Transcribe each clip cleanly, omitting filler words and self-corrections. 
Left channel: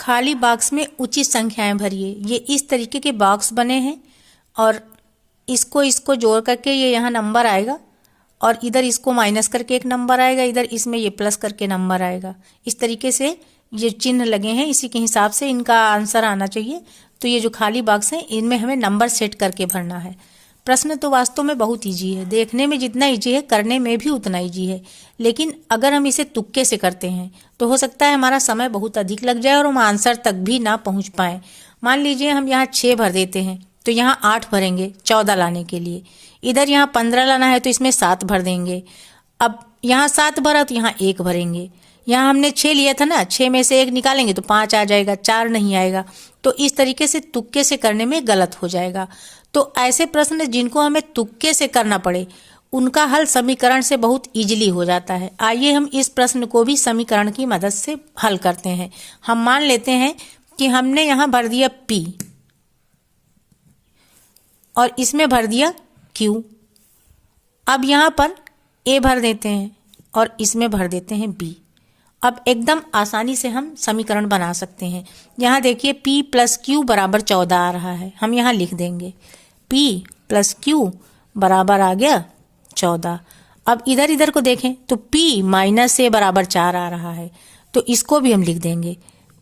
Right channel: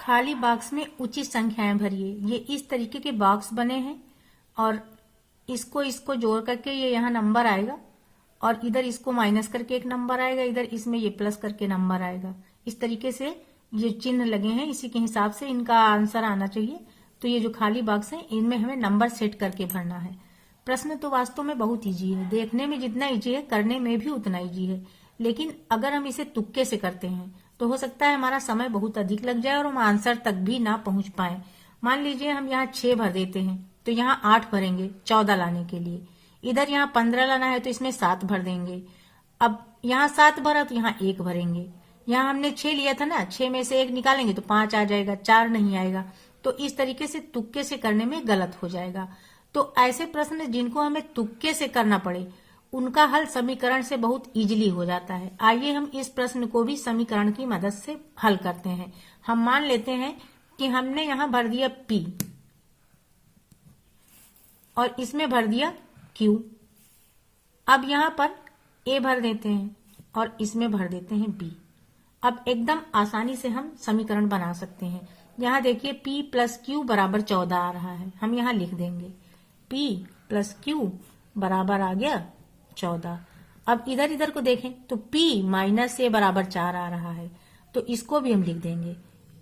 खाली बॉक्स में उचित संख्याएं भरिए। ये इस तरीके के बॉक्स बने हैं और इसको जोड़ करके ये यहाँ नंबर आएगा और इधर इसको माइनस करके एक नंबर आएगा, इधर इसमें ये प्लस करके नंबर आएगा। इस तरीके से ये चिन्ह लगे हैं, इसी के हिसाब से इनका आंसर आना चाहिए। तो ये जो खाली बॉक्स है इनमें हमें नंबर सेट करके भरना है। प्रश्न तो वास्तव में बहुत ईजी है, देखने में जितना ईजी है करने में भी उतना ईजी है, लेकिन अगर हम इसे तुक्के से करते हैं तो हो सकता है हमारा समय बहुत अधिक लग जाए और हम आंसर तक भी ना पहुंच पाए। मान लीजिए हम यहाँ 6 भर देते हैं तो यहाँ 8 भरेंगे 14 लाने के लिए। इधर यहाँ 15 लाना है तो इसमें 7 भर देंगे। अब यहाँ 7 भरा तो यहाँ 1 भरेंगे। यहाँ हमने 6 लिया था ना, 6 में से 1 निकालेंगे तो 5 आ जाएगा, 4 नहीं आएगा। तो इस तरीके से तुक्के से करने में गलत हो जाएगा। तो ऐसे प्रश्न जिनको हमें तुक्के से करना पड़े उनका हल समीकरण से बहुत इजीली हो जाता है। आइए हम इस प्रश्न को भी समीकरण की मदद से हल करते हैं। हम मान लेते हैं कि हमने यहाँ भर दिया P और इसमें भर दिया Q। अब यहाँ पर A भर देते हैं और इसमें भर देते हैं B। अब एकदम आसानी से हम समीकरण बना सकते हैं। यहाँ देखिए P प्लस Q बराबर 14 आ रहा है, हम यहाँ लिख देंगे P प्लस Q बराबर आ गया 14। अब इधर इधर को देखें तो P माइनस A बराबर 4 आ रहा है, तो इसको भी हम लिख देंगे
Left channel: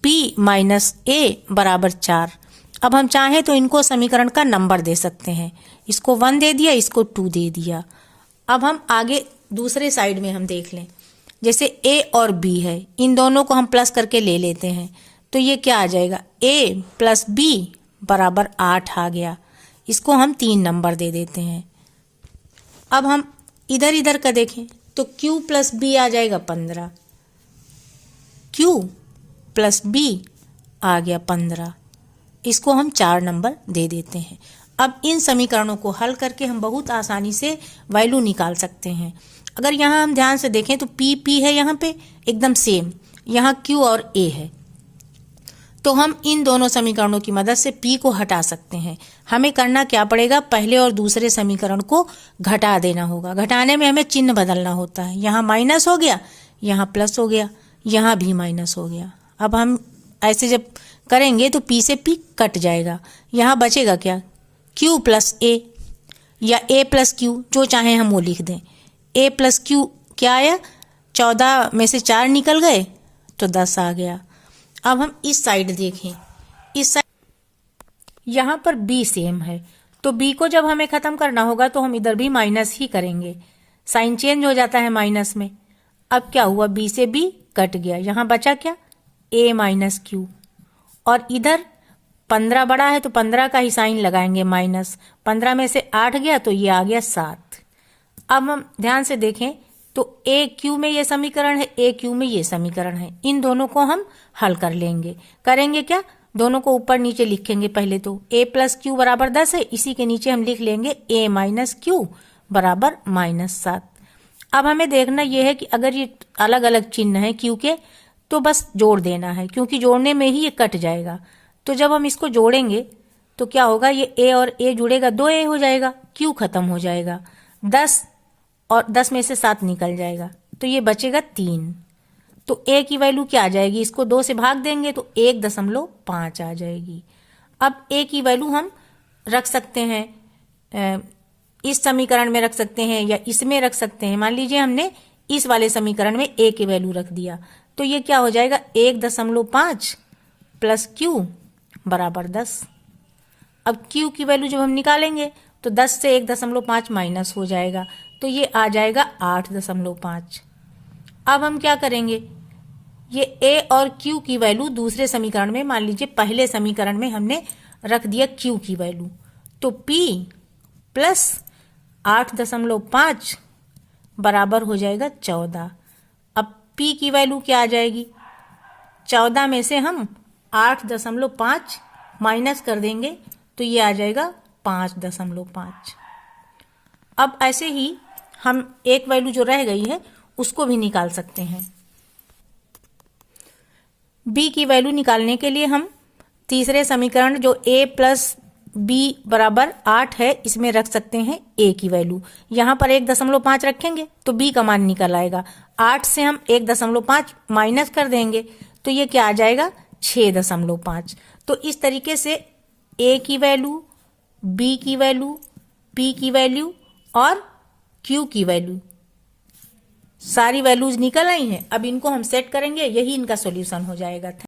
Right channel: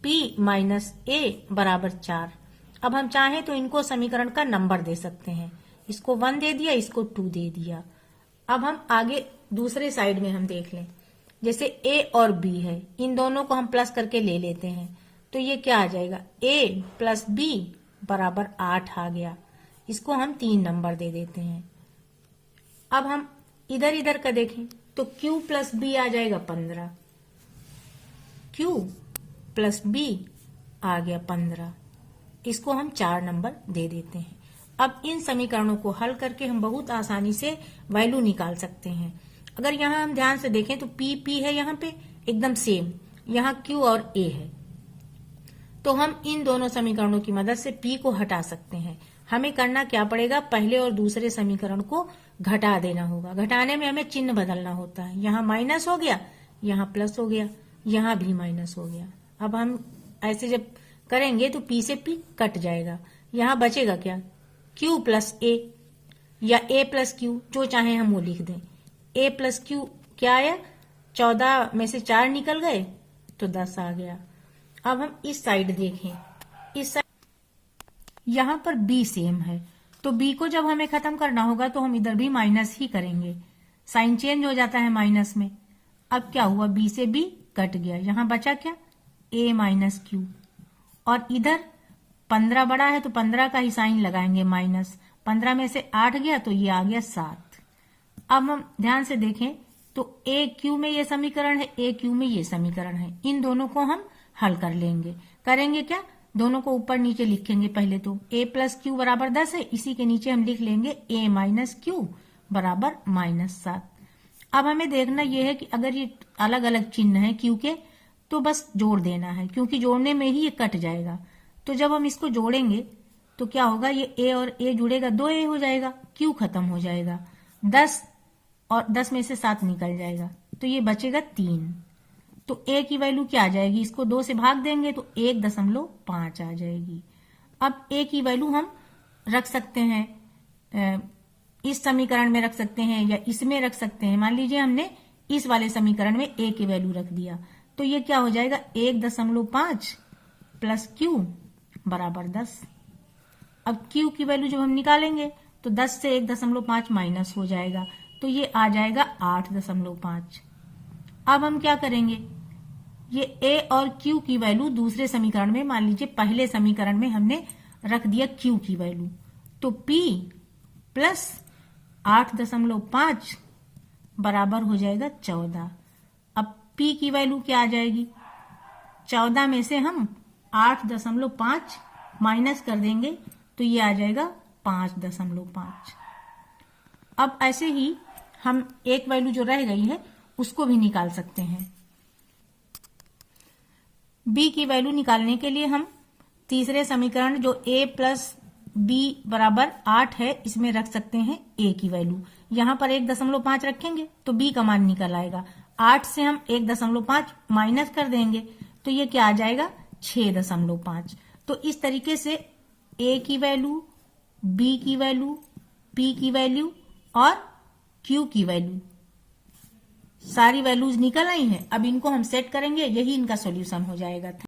P माइनस A बराबर 4। अब हम चाहें तो इनको समीकरण का नंबर दे सकते हैं, इसको 1 दे दिया, इसको 2 दे दिया। अब हम आगे दूसरे साइड में हम देख लें, जैसे A और B है, इन दोनों को हम प्लस करके ले लेते हैं तो ये क्या आ जाएगा, A प्लस B बराबर 8 आ गया। इसको हम 3 नंबर दे देते हैं। अब हम इधर इधर का देखें तो Q प्लस B आ जाएगा 15, Q प्लस B आ गया 15। इसको हम 4 नंबर दे देते हैं। अब इन समीकरणों को हल करके हम बहुत आसानी से वैल्यू निकाल सकते हैं। अगर यहाँ हम ध्यान से देखें तो P है यहाँ पे एकदम सेम, यहाँ Q और A है, तो हम इन दोनों समीकरणों की मदद से P को हटा सकते हैं। हमें करना क्या पड़ेगा, पहले और दूसरे समीकरण को घटा देना होगा। घटाने में हमें चिन्ह बदलना होता है, यहाँ माइनस हो गया, यहाँ प्लस हो गया, यहाँ भी माइनस हो गया। अब हम ऐसे जब करेंगे तो P से P कट जाएगा, यहाँ बचेगा क्या, Q प्लस A या A प्लस Q, जो चाहे हम वो लिख दें। A प्लस Q क्या आया, 14 में से 4 निकल गए तो 10 आ गया। अब हम इस साइड देखें, इस साइड यहाँ पर B सेम है, तो B को जब हमें खत्म करना होगा तो हम इधर भी माइनस ही करेंगे, साइन चेंज हो जाता है माइनस में। अब क्या हुआ, B से B कट गया, यहाँ बचा क्या, A माइनस Q। और इधर 15 बड़ा है तो 15 का ही साइन लगाएंगे माइनस, 15 में से 8 गया तो ये आ गया 7। अब हम ध्यान से देखें तो AQ में ये समीकरण है, AQ में ये समीकरण है, इन दोनों को हम हल कर लेंगे। करेंगे क्या, दोनों को ऊपर नीचे लिखेंगे। पहले तो A प्लस Q बराबर 10 है, इसी के नीचे हम लिख लेंगे A माइनस Q बराबर -7। अब हमें देखना यह है कि अगर ये अलग अलग चिन्ह है Q के तो बस जोड़ देना है, क्योंकि जोड़ने में ही ये कट जाएगा। तो जब हम इसको जोड़ेंगे तो क्या होगा, ये A और A जुड़ेगा, 2A हो जाएगा, Q खत्म हो जाएगा, 10 और 10 में से 7 निकल जाएगा तो ये बचेगा 3। तो A की वैल्यू क्या आ जाएगी, इसको 2 से भाग देंगे तो 1.5 आ जाएगी। अब A की वैल्यू हम रख सकते हैं, इस समीकरण में रख सकते हैं या इसमें रख सकते हैं। मान लीजिए हमने इस वाले समीकरण में A की वैल्यू रख दिया तो ये क्या हो जाएगा, 1.5 प्लस Q बराबर 10। अब Q की वैल्यू जब हम निकालेंगे तो 10 से 1.5 माइनस हो जाएगा तो ये आ जाएगा 8.5। अब हम क्या करेंगे, ये A और Q की वैल्यू दूसरे समीकरण में, मान लीजिए पहले समीकरण में हमने रख दिया Q की वैल्यू, तो P प्लस 8.5 बराबर हो जाएगा 14। अब P की वैल्यू क्या आ जाएगी, 14 में से हम 8.5 माइनस कर देंगे तो ये आ जाएगा 5.5। अब ऐसे ही हम एक वैल्यू जो रह गई है उसको भी निकाल सकते हैं। B की वैल्यू निकालने के लिए हम तीसरे समीकरण जो A प्लस B बराबर 8 है इसमें रख सकते हैं A की वैल्यू। यहाँ पर 1.5 रखेंगे तो B का मान निकल आएगा। 8 से हम 1.5 माइनस कर देंगे तो ये क्या आ जाएगा, 6.5। तो इस तरीके से ए की वैल्यू, बी की वैल्यू, पी की वैल्यू और क्यू की वैल्यू, सारी वैल्यूज निकल आई हैं। अब इनको हम सेट करेंगे, यही इनका सॉल्यूशन हो जाएगा।